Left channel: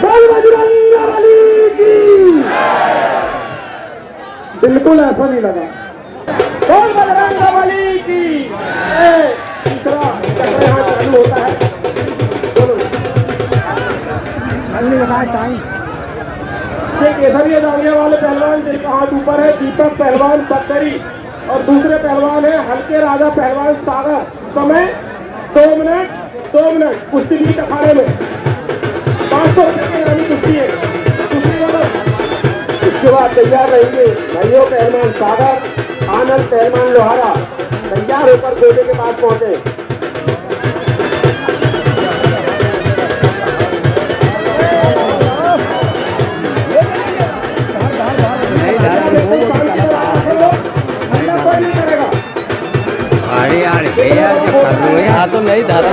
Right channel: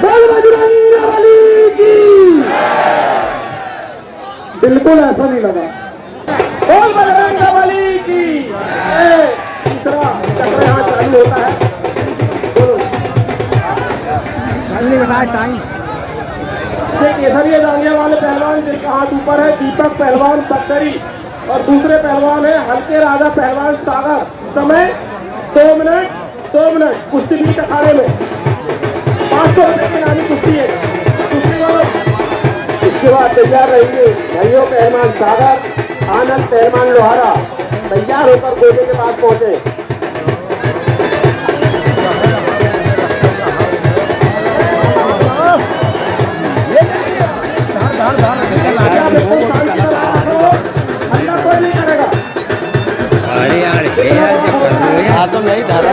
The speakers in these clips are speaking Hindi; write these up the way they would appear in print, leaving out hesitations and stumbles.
बोल बजरंगबली की। बिल्कुल ऐसा नहीं लगा। बोल बजरंगबली की। तीसरा चक्र यहाँ चालू होता है। बोलो नहीं बताया टाइम। केसरिया जांघिया वाले पहलवान जिनका हाथ ऊपर है दीपक पहलवान बक्सरी और दूसरे पहलवान है हल्के राजा पहलवान सागर। समय 2 मिनट कुश्ती बीच अखाड़े में 500 रुपए की इनामी कुश्ती है। कुश्ती वालों इसके बाद तैयार रहेंगे भाइयों पहलवान सागर आनंद पहलवान लोहारा तैयार होकर गोदे के पास पहुंचे। अल्लाह कोई नहीं करेगा। अरे यार जब कर लो यार तो मेरी दादा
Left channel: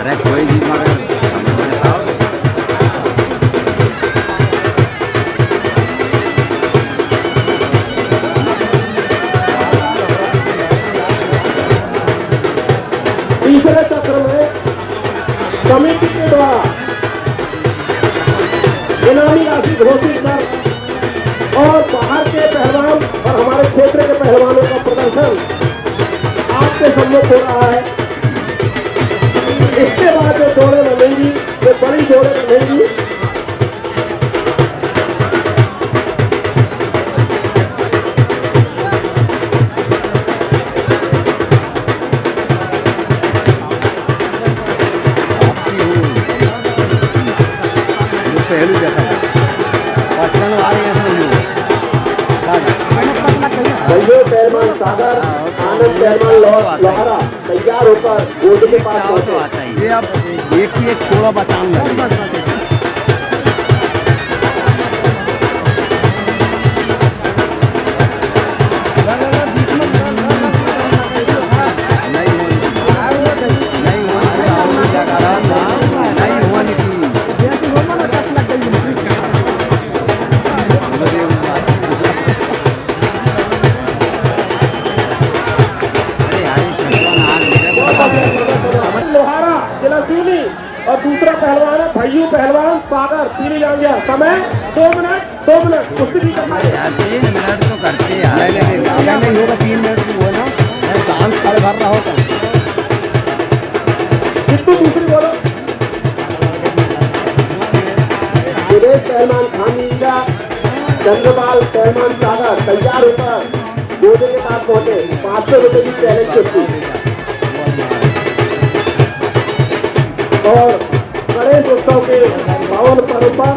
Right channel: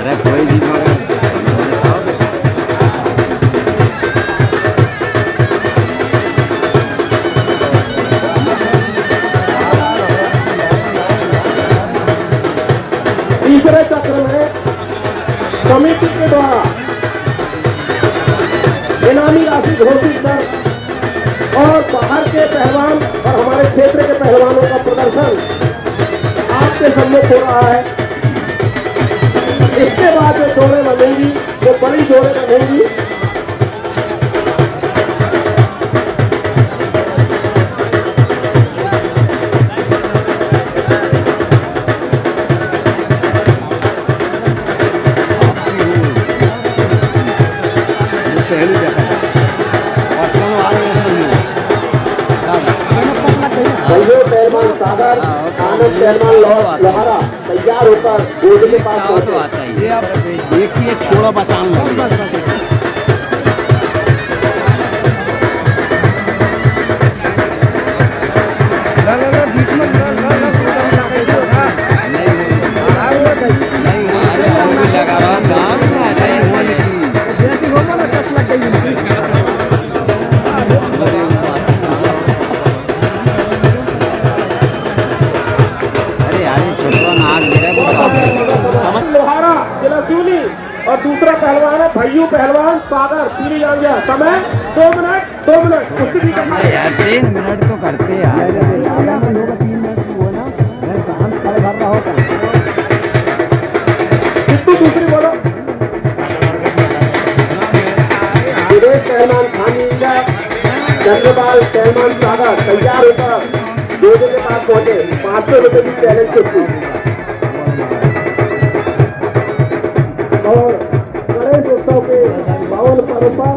अरे कोई भी मगर समझ नहीं आओगे। तीसरे चक्र में समिति के द्वारा इनामी राशि घोषित कर और बाहर के पहलवान और हमारे क्षेत्र के पहलवानों का प्रदर्शन आपके सम्मुख हो रहा है। इसके बाद जो जोड़े बनेंगी वो बड़ी जोड़े बनेंगी। पहलू जैसा पटन आ रहे हैं भाइयों पहलवान सागर आनंद पहलवान लोहारा तैयार होकर गोद के पास तो आता ही। ये अब एक ही एक थोड़ा बचान लगे। लगा रहा था नहीं हुआ जैसे हो ना 10 लग गई। लोहारा जिला सिवनी और दूसरा पहलवान है भैयू पहलवान सागर पीली जांघिया। समय 2 मिनट कुश्ती भी करना है यार 3 मिनट तो करते यार। 3 मिनट वो ना मैं शांत खड़े भर रहा होता कितु दूसरी बोलो। सुरेश पहलवान खानीजा चंद्रपाल पहलवान सागर तैयार होकर गोदे के पास पहुंचे। 500 रुपए की चैलेंज कुश्ती और गणेश उत्सव के 52 पर्व पर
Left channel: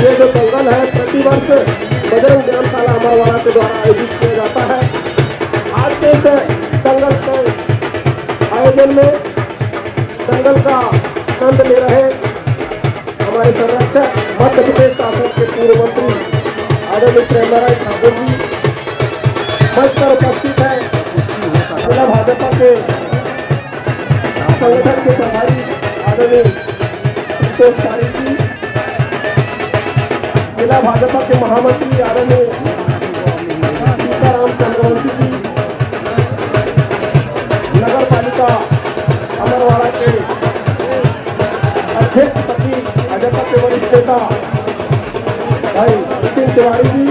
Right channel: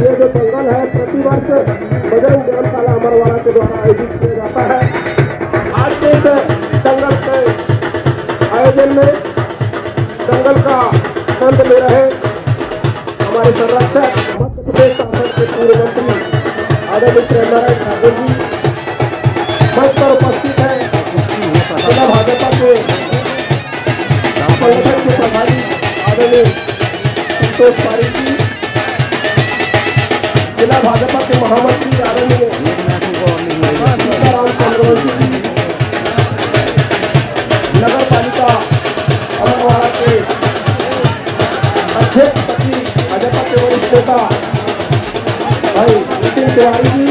ये जो दंगल है प्रतिवर्ष बजरंग व्यायामशाला अमरवाड़ा के द्वारा आयोजित किया जाता है। आज के इस दंगल के आयोजन में दंगल का आनंद ले रहे हमारे संरक्षक मध्य प्रदेश शासन के पूर्व मंत्री आदरणीय प्रेमराय ठाकुर जी मंच पर उपस्थित है। जिला भाजपा के संगठन के प्रभारी आदरणीय संतोष पारिक जी, जिला भाजपा के महामंत्री आदरणीय सीताराम चंद्रवंशी जी, नगर पालिका अमरवाड़ा के अध्यक्ष पति भाजपा के वरिष्ठ नेता भाई नितिन तिवारी जी,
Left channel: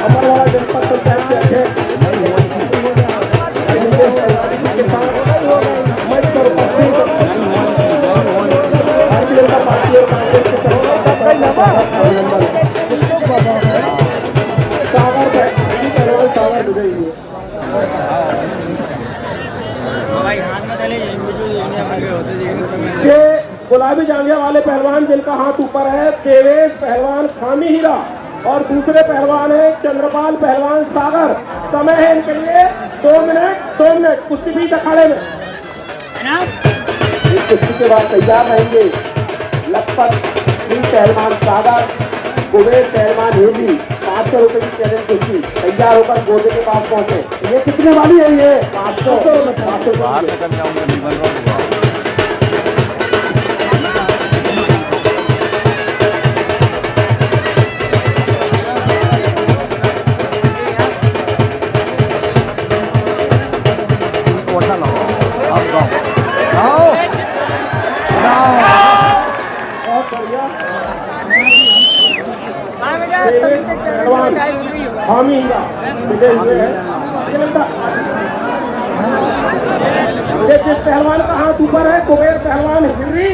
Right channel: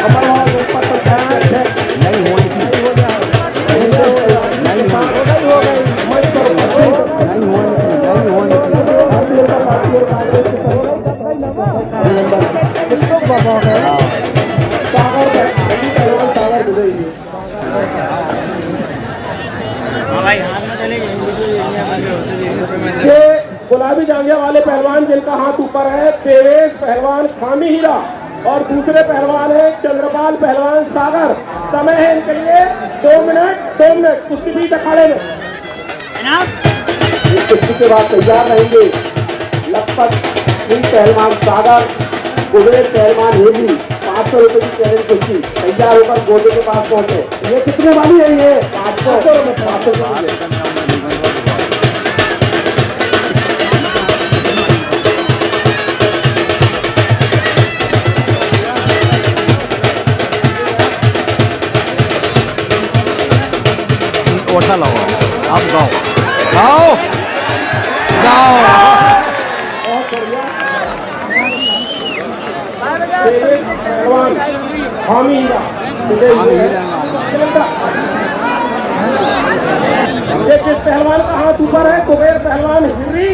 अमरवाड़ा जनपद पंचायत के अध्यक्ष मंच पर उपस्थित भारतीय जनता पार्टी और कांग्रेस के अभिनंदन। सागर पहलवान सागर विजयी जी। ये गुलाबी जांघिया वाले पहलवान जिनका हाथ ऊपर है देवेश पहलवान खामी हीरा और दूसरे पहलवान है चंद्रपाल पहलवान सागर। समय है इनके लिए 2 मिनट कुश्ती बीच अखाड़े में। इस कुश्ती के बाद तैयार रहेंगे लखपत सिंह पहलवान सागर कुबेर पहलवान हेली। 500 रुपए की चैलेंज कुश्ती तैयार होकर गोदे के पास पहुंचे। ये कितने वाली है? ये 500 रुपए। हामी हीरा मिले हुए हैं। ये जिस पहलवान का हाथ ऊपर है कुबेर पहलवान हिर्री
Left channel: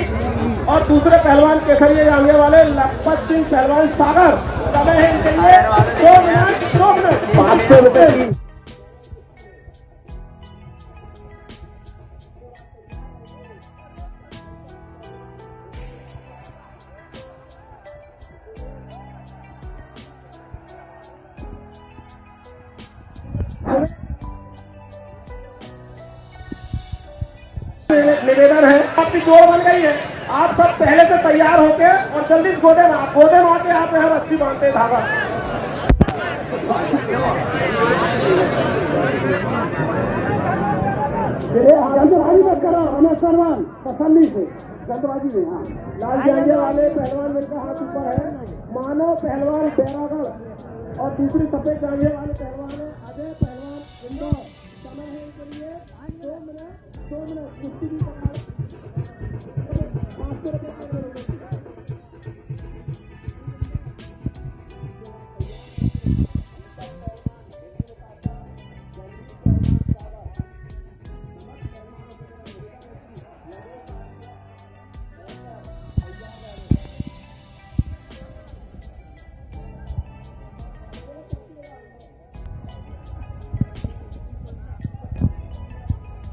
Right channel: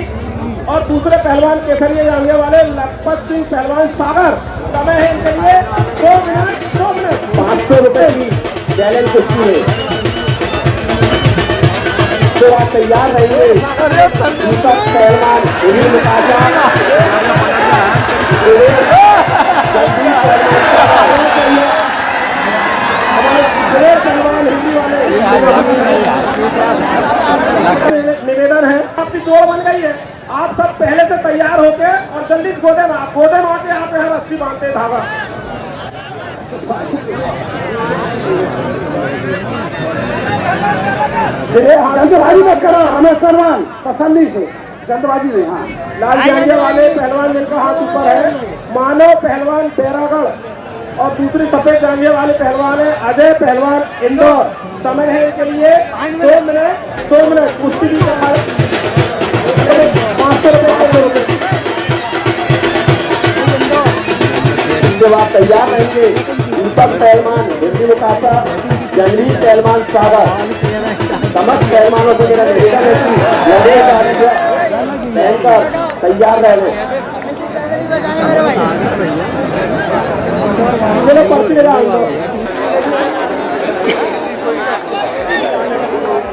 और दूसरे पहलवान केसरिया जांघे वाले लखपत सिंह पहलवान सागर। समय है इनके लिए 2 मिनट 500 रुपए की चैलेंज कुश्ती है। तो आप तैयार रहिए। दीपक पहलवान हिर्री मुकाबला निवेदन है आपकी जोड़ बन गई है। आप सब पहले से तैयार होके और जल्दी गोदे मार के आप यहाँ रस्सी बांधते धागा। जल्दबाजी मत करो हमें सलमान तसल्ली से जल्दबाजी नहीं। हाँ लाल जांघे वाले पहलवान जिनका हाथ ऊपर है मानव पहलवान बैरागढ़ और दूसरी सफेद जांघे वाले पहलवान है अजय पहलवान इंदौर। समय है इनके लिए 2 मिनट कुश्ती भी 500 रुपए। इसके बाद तैयार रहेंगे दीपक पहलवान हिंदी मुकाबला जंगली पहलवान सागर। समस्त पहलवानों से मेरा निवेदन है कि लड़ेगा पहनकर तैयार रहने।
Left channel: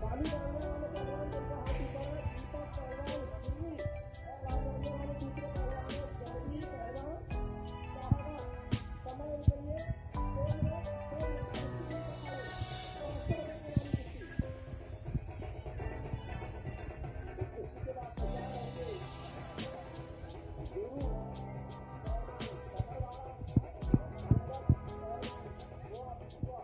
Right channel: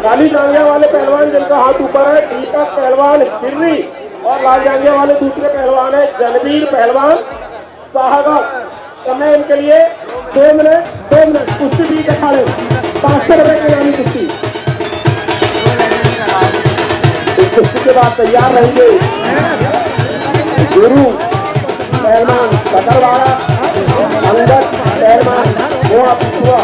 काली जांघिया वाले पहलवान जिनका हाथ ऊपर है दीपक पहलवान हिर्री और लाल जांघिया वाले दूसरे पहलवान है जनवीर पहलवान साहगढ़। समय इनके लिए 2 मिनट कुश्ती भी अखाड़े 500 रुपए की नामी कुश्ती। इस कुश्ती के बाद तैयार रहेंगे गुरु पहलवान सकरवाड़ा अंगद पहलवान मोआ पिछुआ।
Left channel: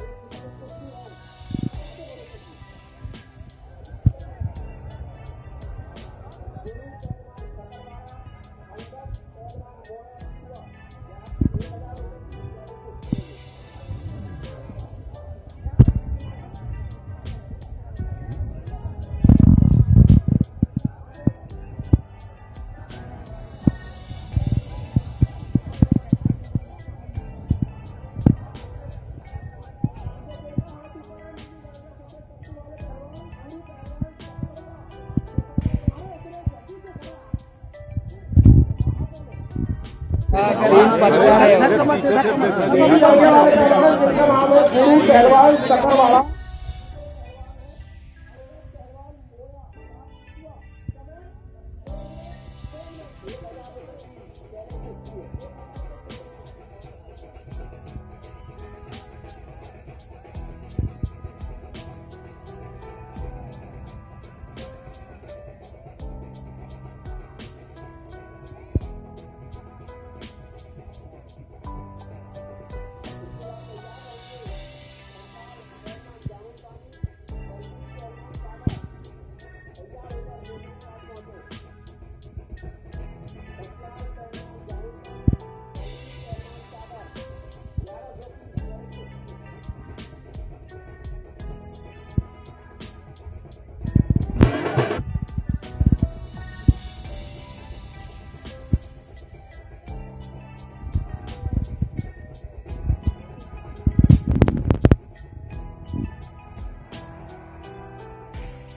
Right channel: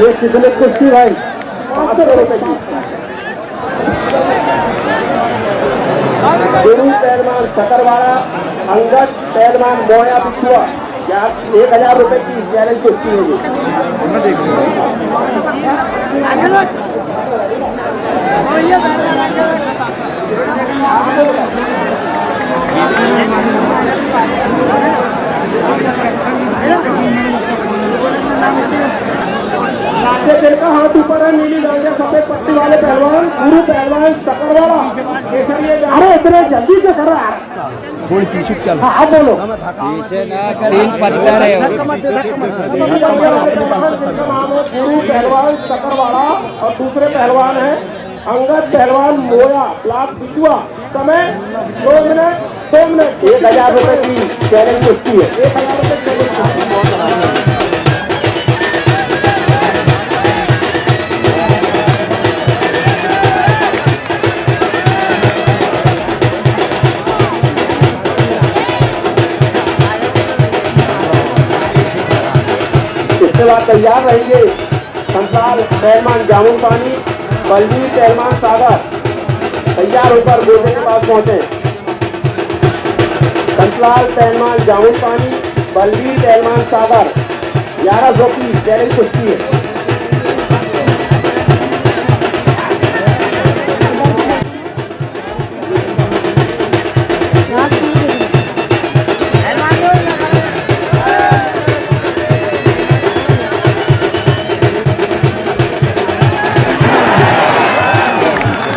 ये कितने कुश्ती भाई 500 रुपए की। गुरु पहलवान सकरवाड़ा अंगद पहलवान मोया पिछुआ। 1000 रुपए की चैलेंज कुश्ती होगी। जिनका हाथ ऊपर है नीली जांघिया सफेद पट्टी वाले पहलवान गुरु पहलवान सकरवाड़ा केसरिया। अरे इतने जल्दी से कर रहा है थोड़ी पीछे चल। हाँ बोलो नीली जांघिया वाले पहलवान जिनका नाम है गुरु पहलवान सकरवाड़ा और दूसरे पहलवान है अंगद पहलवान मोया ब्लॉक पिछुआ। समय 2 मिनट 1000 रुपए की चैलेंज कुश्ती है। 1000 रुपए चैलेंज। इसके बाद तैयार रहेंगे संताल पहलवान जामुन पानी बलवीर पहलवान सागर। तैयार होकर गोदे के पास पहुंचे। संतलाल पहलवान जामुन पानी बलवीर पहलवान सागर। 1100 की चैलेंज कुश्ती है।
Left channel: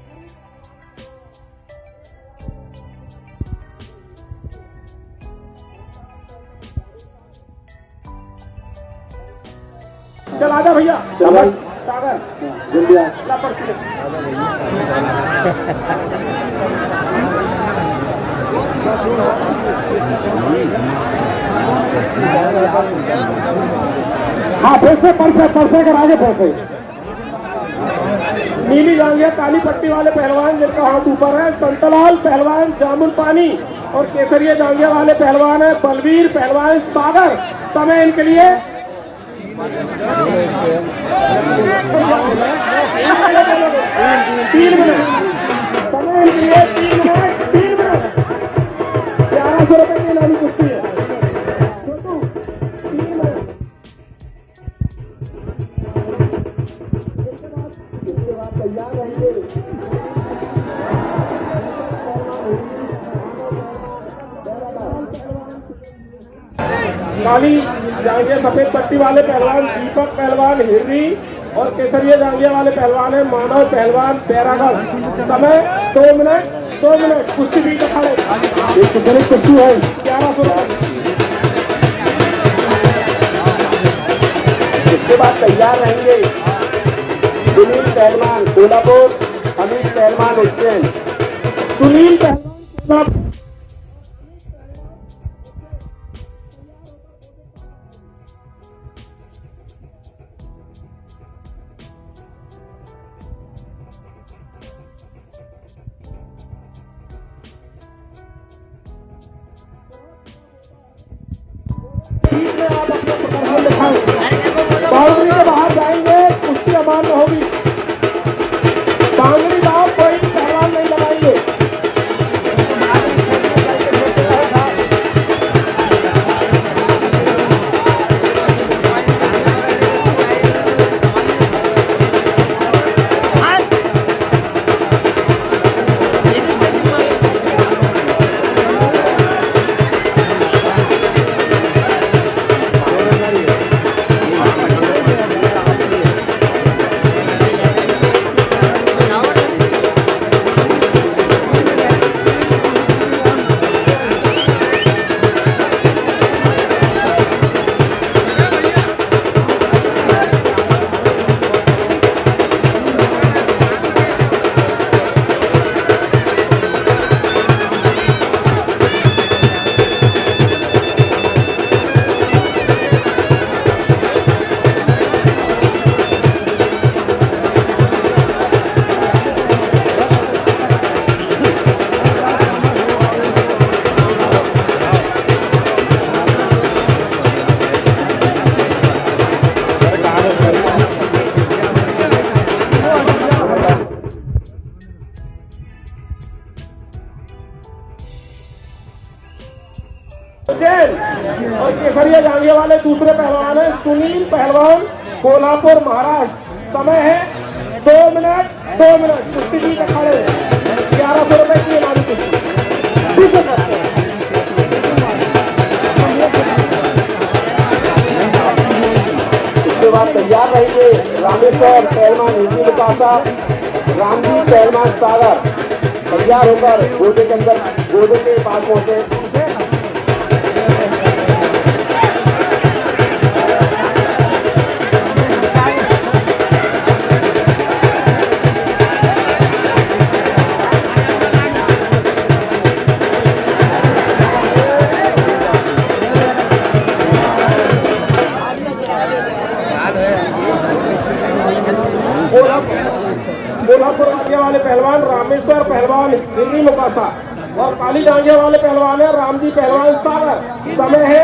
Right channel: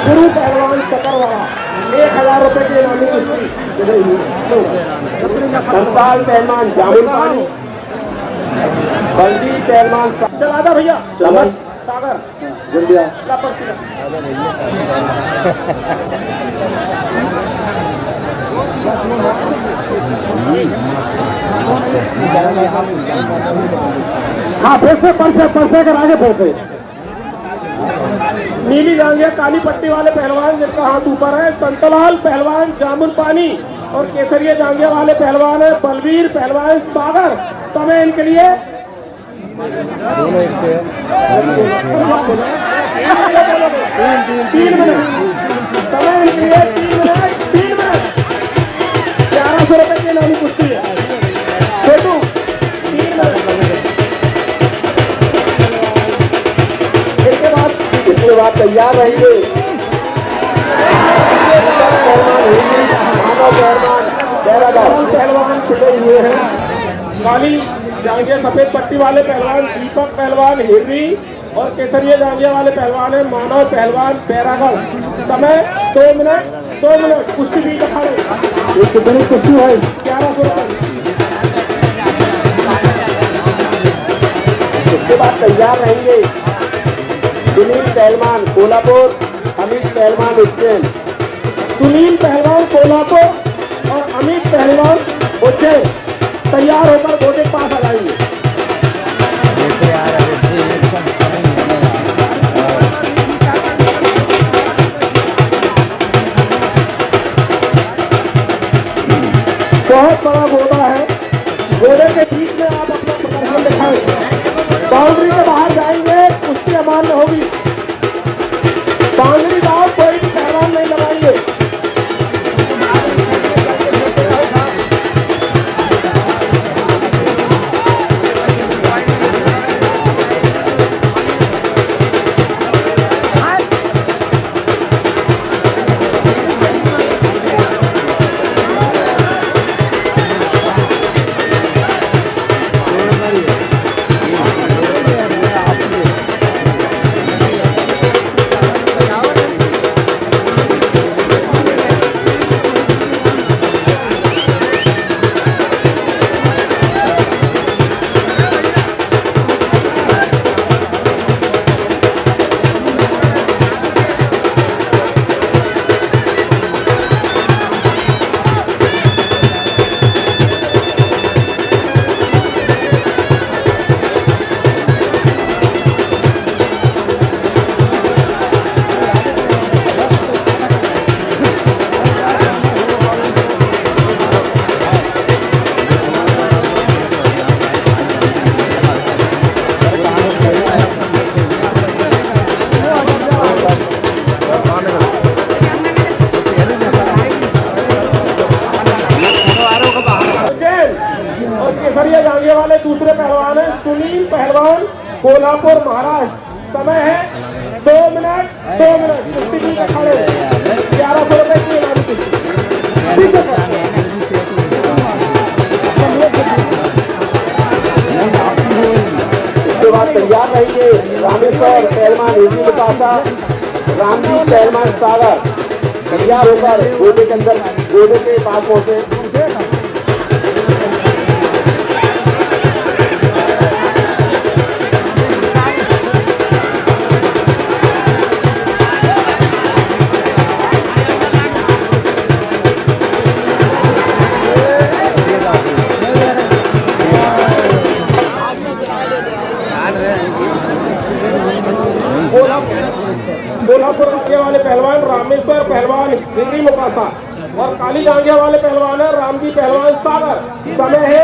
गुरु पहलवान सकरवाड़ा 1000 रुपए की इनामी कुश्ती। संताल पहलवान जामुन पानी बलवीर पहलवान चला था भैया सागर जल्दी हाँ पैसे परसे कर आगे पैसे। नीली जांघिया काली पट्टी वाले पहलवान जिनका हाथ ऊपर है संतलाल पहलवान जामुन पानी और केसरिया जांघिया वाले पहलवान है बलवीर पहलवान सागर। समय इनके लिए 3 मिनट। समय इनके लिए 3 मिनट 1100 रुपए की नामी कुश्ती है। छोटू 3 मिनट। इसके बाद रहेंगे। पहलवान छुटे हुए हैं। काली जांघिया सफेद पट्टी वाले पहलवान दीपक पहलवान हिरनी और केसरिया जांघिया वाले पहलवान है मानव पहलवान बैरागढ़। समय 2 मिनट 2 मिनट। कुश्ती भी दिखाड़े एक कितनी कुश्ती है 1100 रुपये। उसके बाद तैयार रहेंगे सुनील पहलवान कोल्हापुर, अमित पहलवान उज्जैन। सुनील पहलवान कोल्हापुर और अमित पहलवान उज्जैन तैयार होकर गोटे के पास आ जाएंगे। बहुत बड़ा घोड़ा है। घोड़े के बीच में आप अपना प्रदर्शन दिखाएं। बाउंड्री के बाहर जाएंगे, कुश्ती अमान्य होगी। बाउंड्री बाहर कोई भी पहलवान नहीं लगाएंगे। और केसरिया जांघिया वाले दूसरे पहलवान है सुनील पहलवान कोल्हापुर महाराष्ट्र। समय है 2 मिनट 2 मिनट। कुश्ती भी अखाड़े 1100 रुपए की इनामी कुश्ती। इसके बाद तैयार रहेंगे रामेश्वर पहलवान हिंदी मुतासा, रामजी पहलवान सागर। तैयार होकर गोदे के अंदर गोदे के पास पहुंचे। कोल्हापुर जांघिया वाले पहलवान रामेश्वर पहलवान हिंदी मुकासा और काली जांघिया वाले पहलवान है रामजी पहलवान सागर। समय है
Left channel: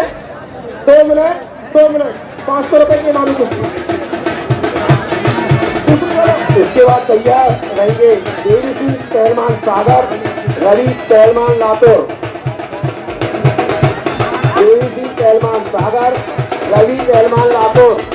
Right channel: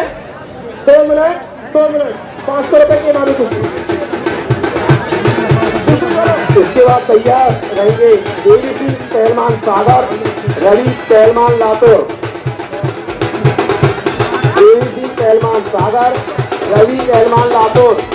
2 मिनट 2 मिनट। 500 रुपए की इनामी कुश्ती। इसके बाद तैयार रहेंगे देवी सिंह पहलवान सागर, रवि पहलवान लातूर। देवी सिंह पहलवान सागर, रवि पहलवान लातूर।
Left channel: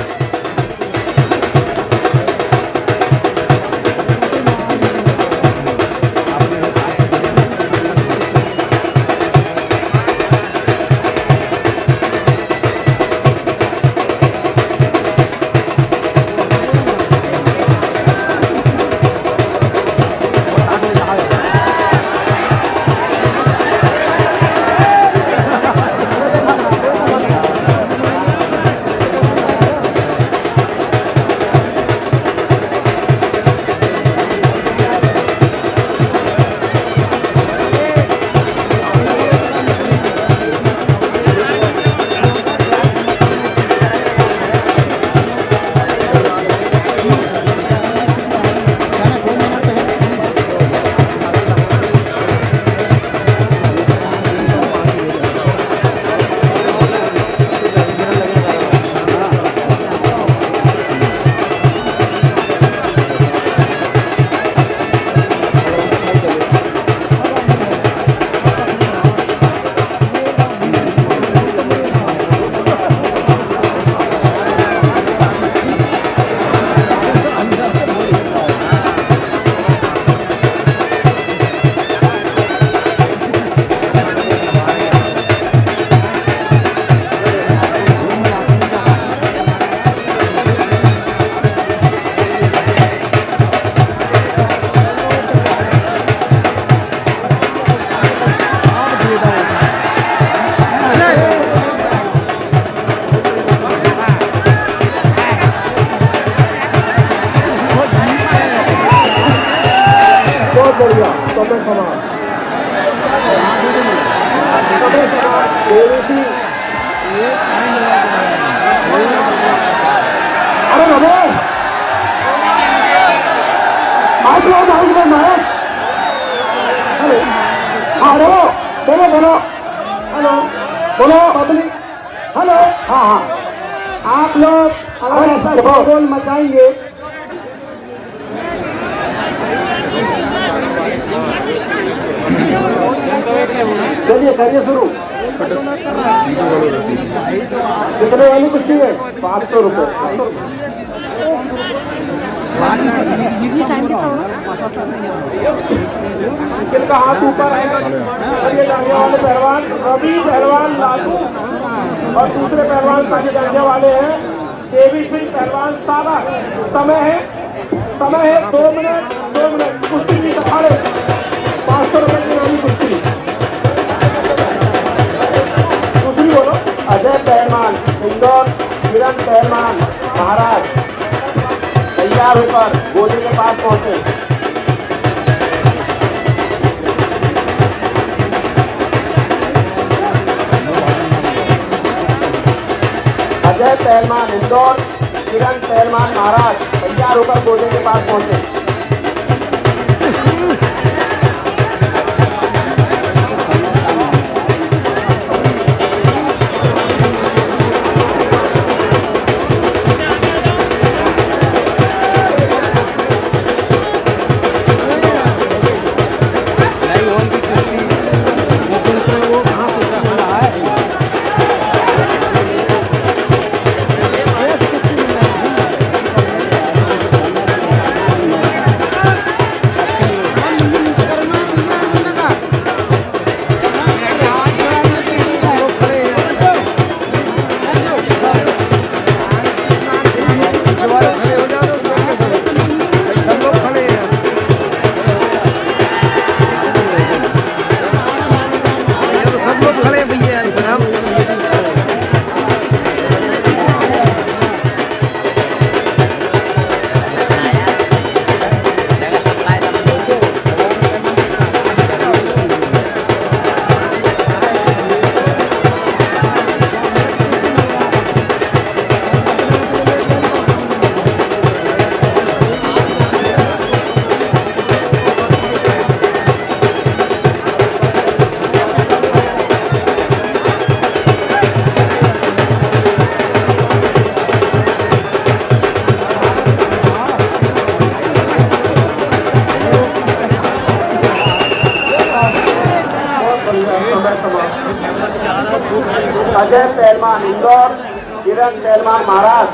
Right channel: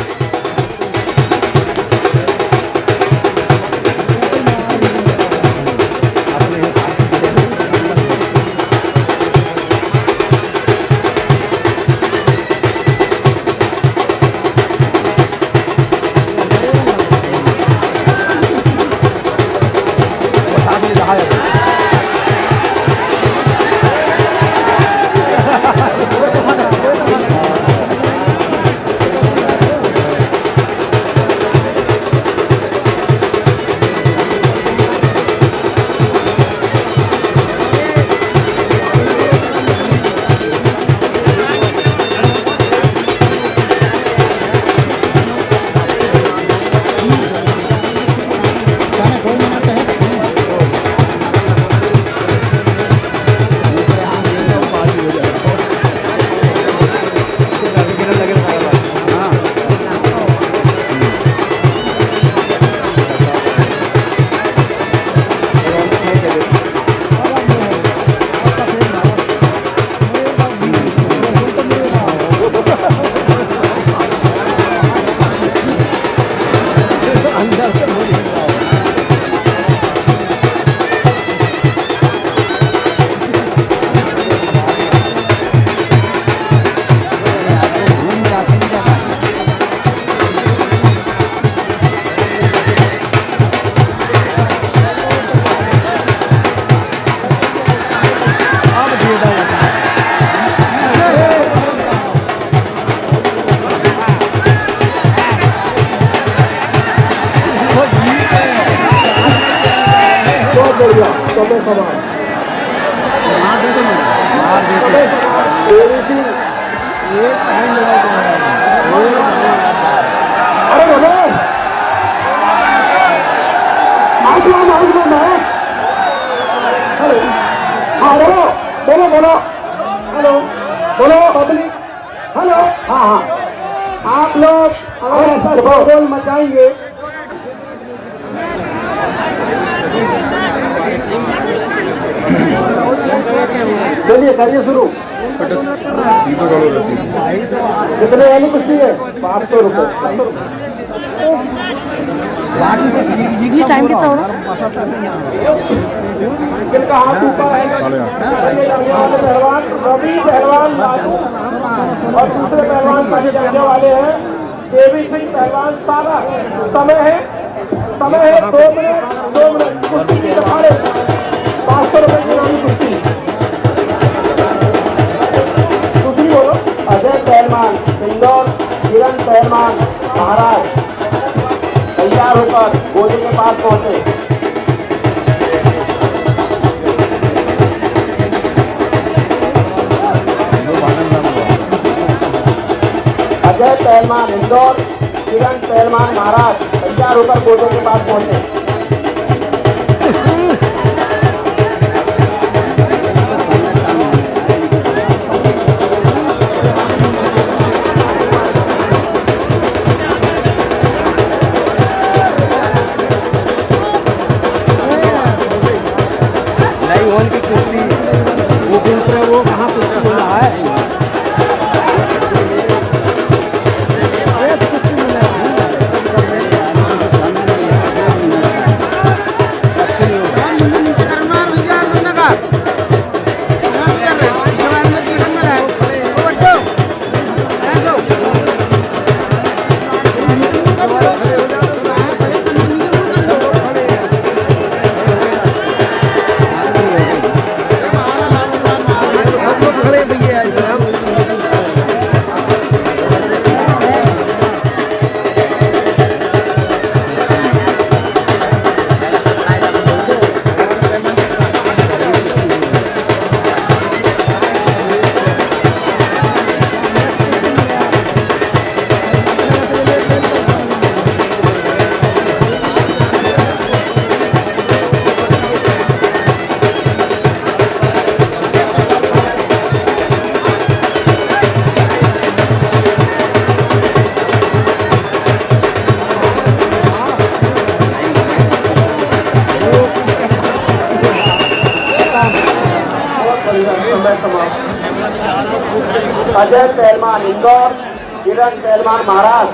बहुत बढ़िया, समय समाप्त, समय समाप्त। एबीसी, अरे रमेश, माइक लो महेश। हेलो, हेलो, बोलो बोलो, हेलो बोलो पब्लिक, हेलो। हाँ हाँ, आप लोग अगर ऐसा शोरगुल मचाएंगे चलिए करिए शुरू। कितने वाली कुर्सी है? 500 रुपये। टाइम कितना हो रहा? जिनका हाथ ऊपर है चलिए जाने वाले पहलवान रवि पहलवान लालू और दूसरे पहलवान साझे जाने वाले हैं देवी सिंह पहलवान सारा। समय है 2 मिनट कुश्ती की अखाड़े 500 रुपये की नामी कुश्ती। दूसरी बोलो। अजय पहलवान इंदौर, किरण पहलवान महाराज तैयार होकर गोदे के पास पहुंचे। अजय पहलवान इंदौर, किरण पहलवान महाराज तैयार होकर गोदे के पास पहुंचे। अजय पहलवान इंदौर, किरण पहलवान महाराज।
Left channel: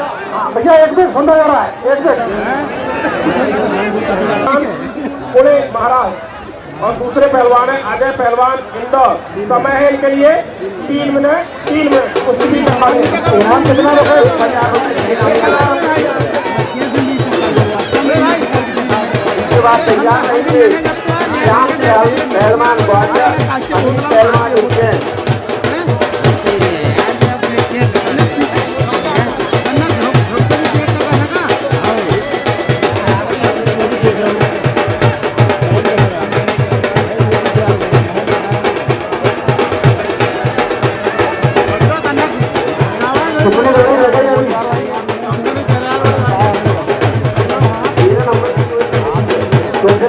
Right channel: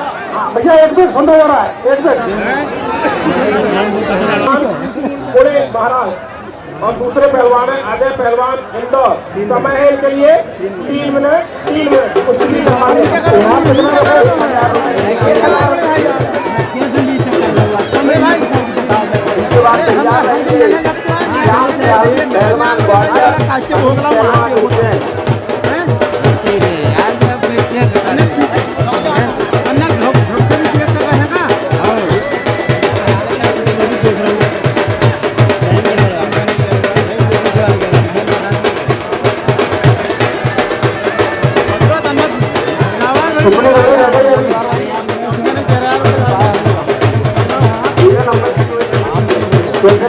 भैया एक मिनट सुन रहा है, एक मिनट। पुणे महाराज और दूसरे पहलवान है अजय पहलवान इंदौर। समय है इनके लिए 3 मिनट कुछ भी दिखा दें। यहाँ कितना रुपये? 1000 रुपये। इसके बाद तैयार रहेंगे श्याम पहलवान ग्वालियर, अमित पहलवान उज्जैन।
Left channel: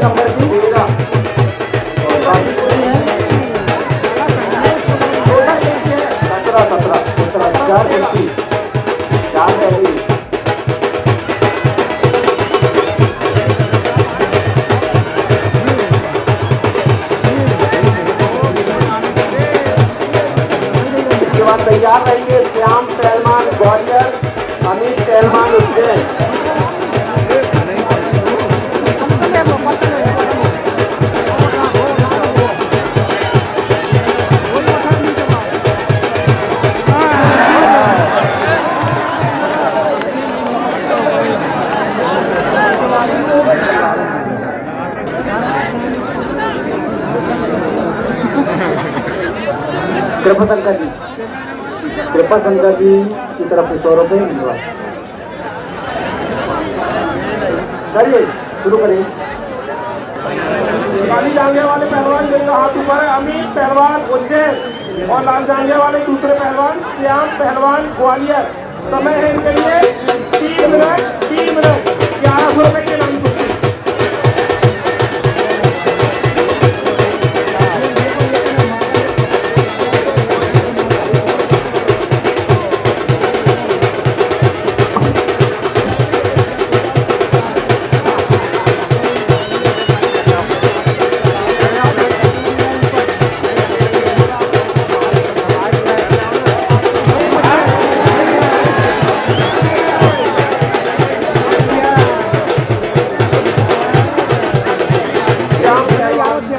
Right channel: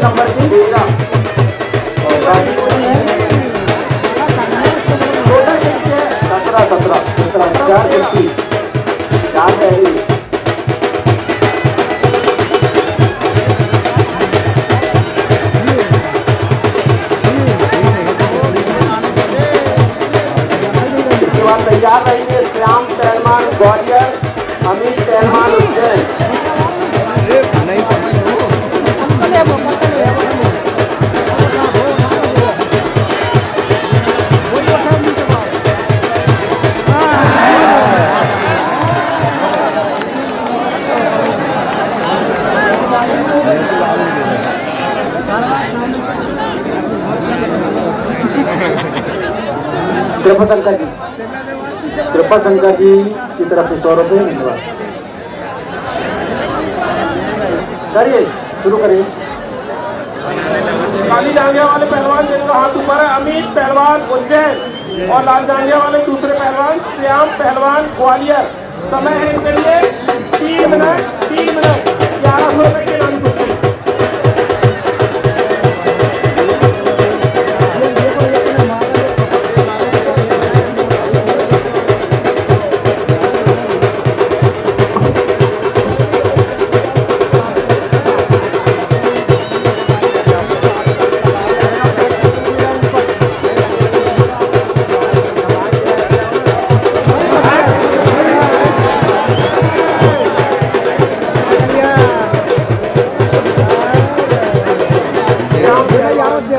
नंबर की 13 और बाकी 17 4 कुश्ती 4 रही। इसके बाद तैयार रहेंगे श्याम पहलवान ग्वालियर, अमित पहलवान उज्जैन। कृपा शंकर जी की तरफ से 100 रुपये धन्यवाद। करिए शुरू करिए। काली जांघे वाले पहलवान जिनका हाथ ऊपर है अमित पहलवान उज्जैन और लाल जांघे वाले दूसरे पहलवान श्याम पहलवान ग्वालियर। समय है इनके लिए 3 मिनट 1100 रुपए के नाम कुर्सी।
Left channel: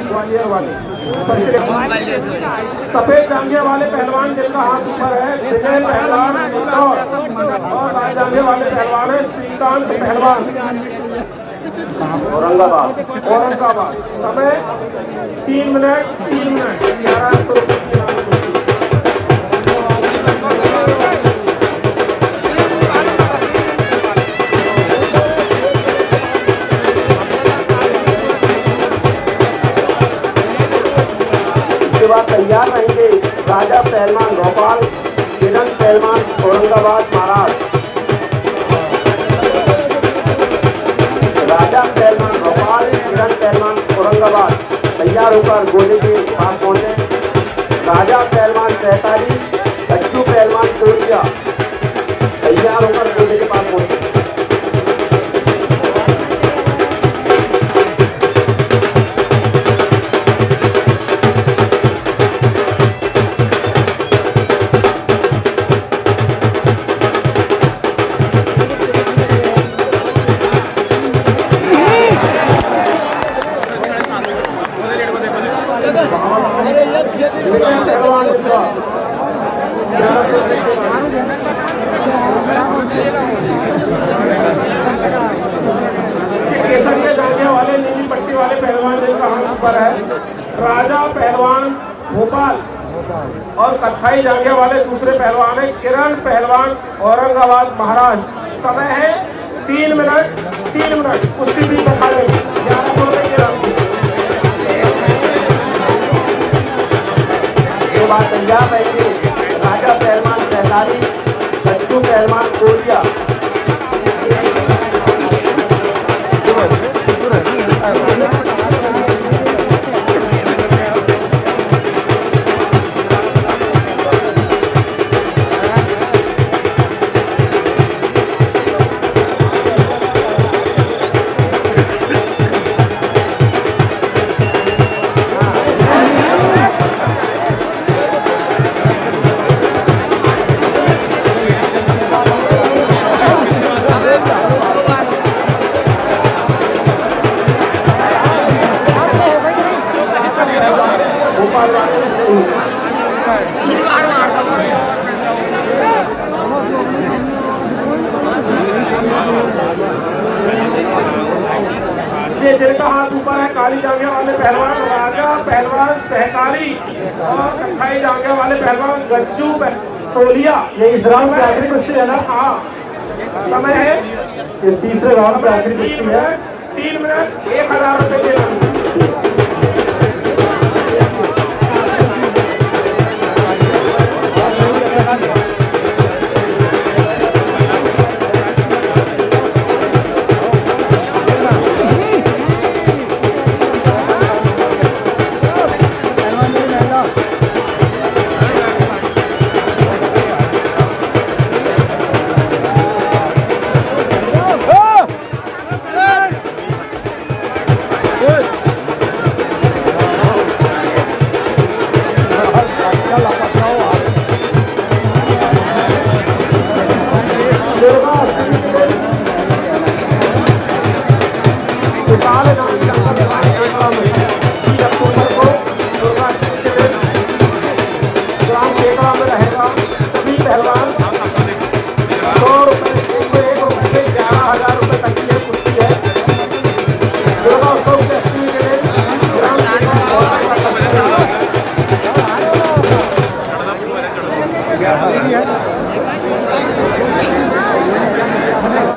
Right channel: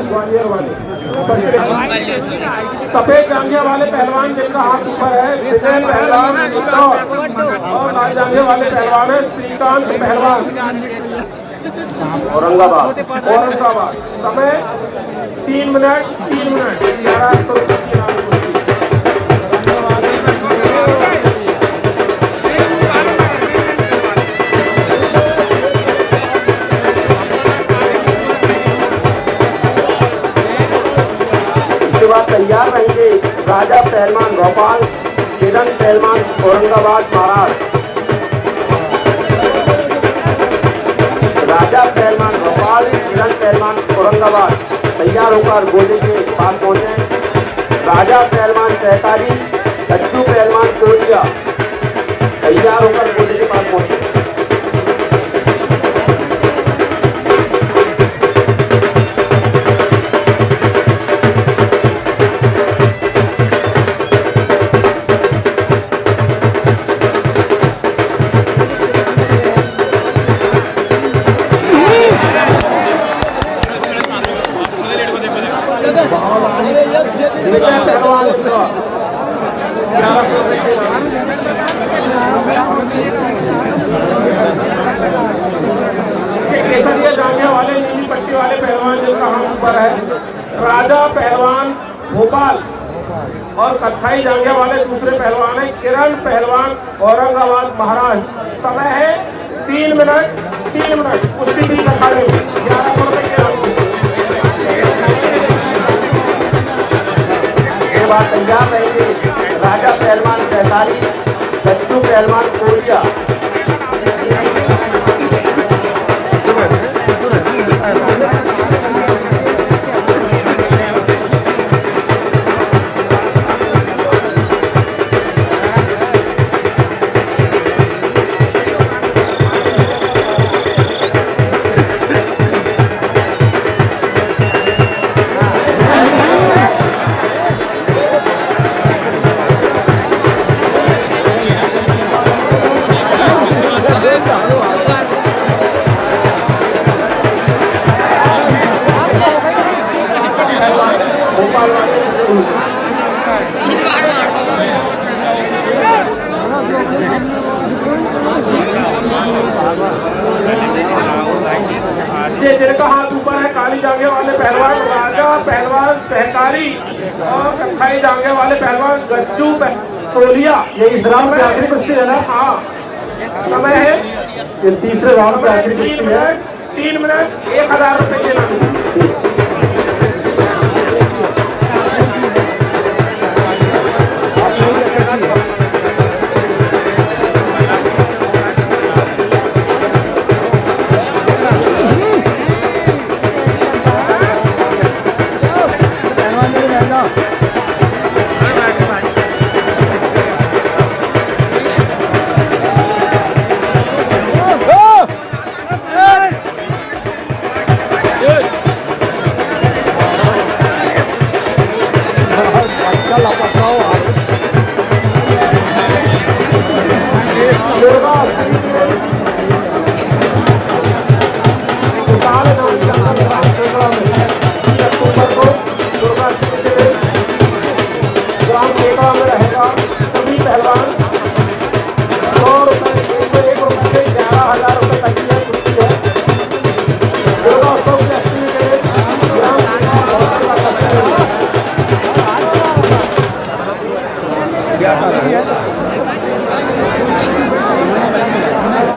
ग्वालियर वाले सफेद जांघे वाले पहलवान जिनका हाथ ऊपर है विजय पहलवान और लाल जांघे वाले पहलवान है श्रीकांत पहलवान औरंगाबाद। समय 3 मिनट 1100 रुपए की राशि। इसके बाद तैयार रहेंगे राजा पहलवान भोपाल, किरण पहलवान औरंगाबाद महाराष्ट्र। राजा पहलवान भोपाल, किरण पहलवान औरंगाबाद तैयार होकर गोले के पास पहुंचे। राजा पहलवान सहकारी, लड्डू पहलवान कोरिया तैयार होकर गोले के पास पहुंचे। जांघे वाले नीली पट्टी वाले पहलवान जिनका हाथ ऊपर है राजा पहलवान भोपाल और कत्थई जांघे वाले दूसरे पहलवान है किरण पहलवान औरंगाबाद महाराष्ट्र। समय है 3 मिनट कुश्ती भी अखाड़े 1100 रुपए के नाम। ये बात तैयार रहेंगे राजा पहलवान सहकारी, लड्डू पहलवान कोरिया। जिनका हाथ ऊपर है काली जांघे वाले पहलवान राजा पहलवान सहकारी और कत्थई जांघे वाले पहलवान गज्जू टोलिया। ये इस राउंड की आखिरी कुश्ती है ना? हाँ। समय है ये तीसरे राउंड की आखिरी कुश्ती है। 3 मिनट 1000 रुपए के नाम। ग्राम केकड़ा में रहेगा सभी पहलवान